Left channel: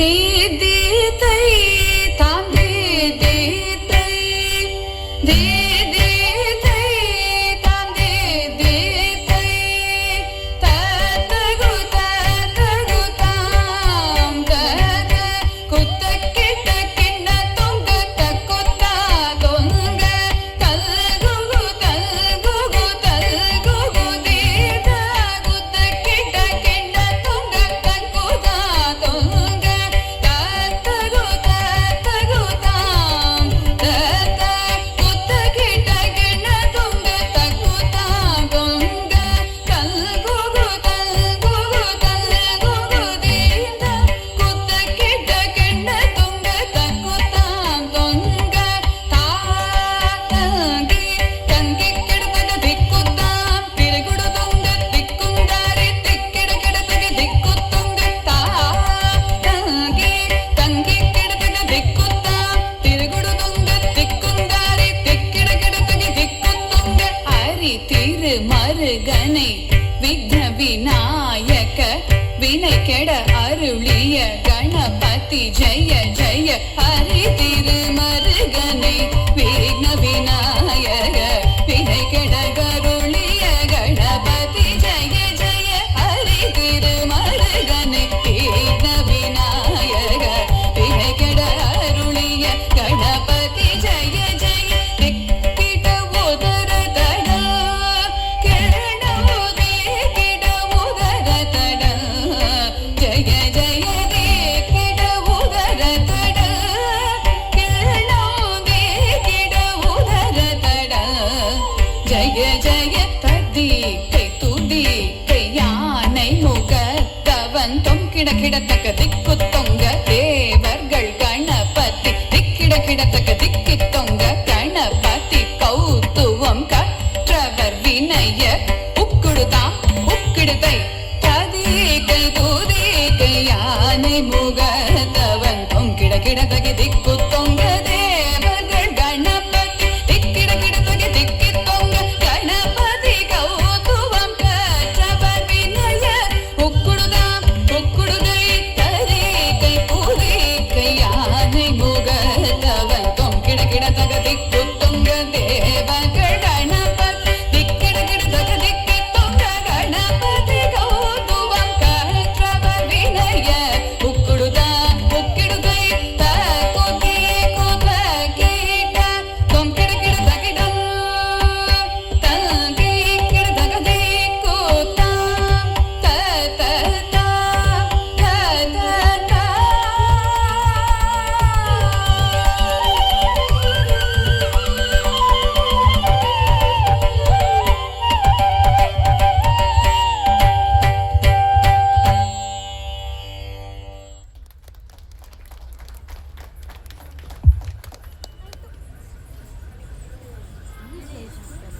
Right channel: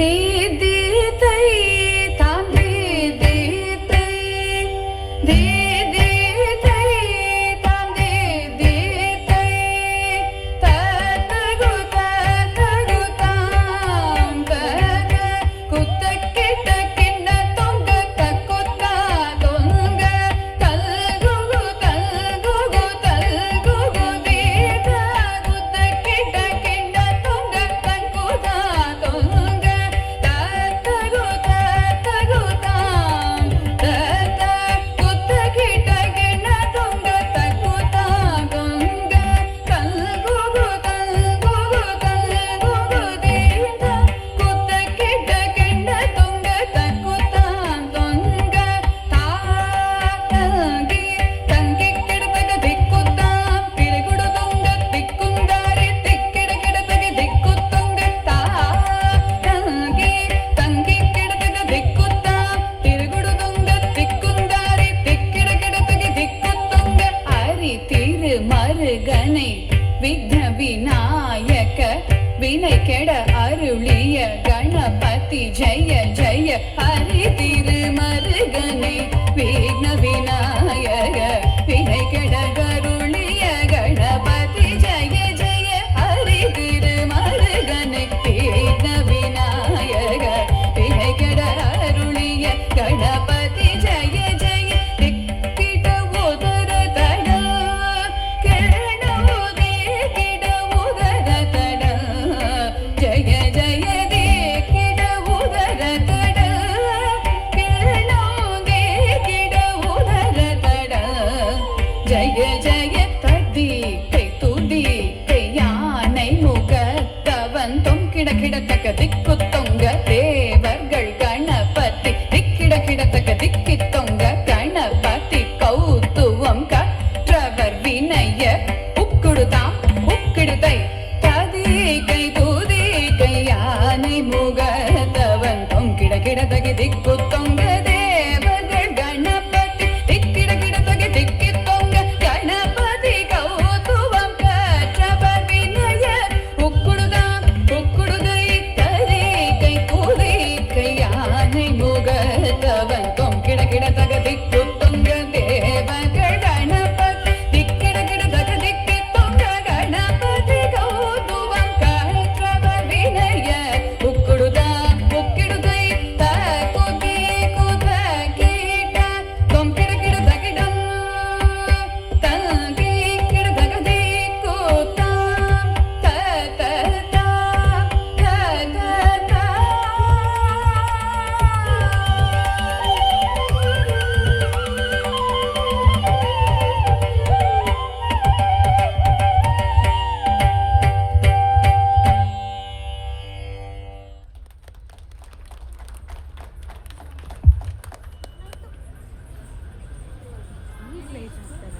They ದೇ ತೈ ತಾಂ ದೇ ದೇ ತೈ ದೇ ದೇ ತೈ ತಾಂ ದೇ ದೇ ತೈ ತಗು ತಗು ತಾಂ ತಗ ಕುತ್ತ ಕಿಟ ಕಿಣ್ಣ ತೊಂಗ ತಕ್ಕುತ್ತ ತೊಂಗ ತಲ್ಗುಗು ತಲ್ಗುಗು ತಲ್ಗುಗು ದೀದ ಕುತ್ತ ಕಿಟ ಕಿಣ್ಣ ತೊಂಗ ತಕ್ಕುತ್ತ ತೊಂಗ ತಗು ತಗು ತಾಂ ತತ ಕುತ್ತ ಕಿಟ ಕಿಣ್ಣ ತೊಂಗ ತಕ್ಕುತ್ತ ತೊಂಗ ತಲ್ಗುಗು ತಲ್ಗುಗು ತಲ್ಗುಗು ದೀದ ಕುತ್ತ ಕಿಟ ಕಿಣ್ಣ ತೊಂಗ ತಕ್ಕುತ್ತ ತೊಂಗ ತಾಗಿ ತಂಗಿ ಕಿಡತಗ ದಿಕ್ಕುತ್ತ ತಿರುಗುಡು ತೊಂಗ ದಿಕ್ಕುಂದಾರಿ ತಿಕ್ಕಿಡ ಕಿಡತಗ ದಿಕ್ಕು ತೊಂಗ ತಾಗಿ ತಂಗಿ ಕಿಡತಗ ದಿಕ್ಕುತ್ತ ತಿರುಗುಡು ತೊಂಗ ದಿಕ್ಕುಂದಾರಿ ತಿಕ್ಕಿಡ ಕಿಡತಗ ದಿಕ್ಕು ತೊಂಗ ಹರಿ திரு மருகனை விக்ன விநாயக வினை கெட அருளிய கணபதி ஜெய ஜெய ஹரி திரு மருகனை விக்ன விநாயக வினை கெட அருளிய கணபதி ஜெய ஜெய ஹரி திரு மருகனை விக்ன விநாயக வினை கெட அருளிய கணபதி ஜெய ஜெய திக்கிட உதர தட கிரணமுதே கிட உதர தட ஜெய ஜெய திக்கிட உதர தட கிரணமுதே கிட உதர தட ஜெய ஜெய ததி கை துதி கை யானை முகத்தவன் தொங்கிட கிடத்தக்க திக்கு தொங்க தேவர்கள் கணபதி திக்கிட கிடத்தக்க திக்கி தொங்க கணபதி கௌத்துவம் கற்றவர் வினய உக்குடுதாம் உக்கிடுதை ததி கை தூதி கை யானை முகத்தவன் தொங்கிட கிடத்தக திக்கு தொங்க தேவர்கள் கணபதி திக்கிட கிடத்தக திக்கி தொங்க கணபதி கௌத்துவம் கற்றவர் வினய உக்குடுதாம் உக்குடுதை ததி கை பூதி கை யானை முகத்தவன் தொங்கிட கிடத்தக திக்கு தொங்க தேவர்கள் கணபதி திக்கிட கிடத்தக திக்கி தொங்க கணபதி கௌத்துவம் கற்றவர் வினய உக்குடுதாம் உக்கிடுதை தகுதி குத கீட தொங்கிட கிடத்தகிடம் தங்கி கிடத்தக திக்கு தாம் தத Please, ladies and gentlemen.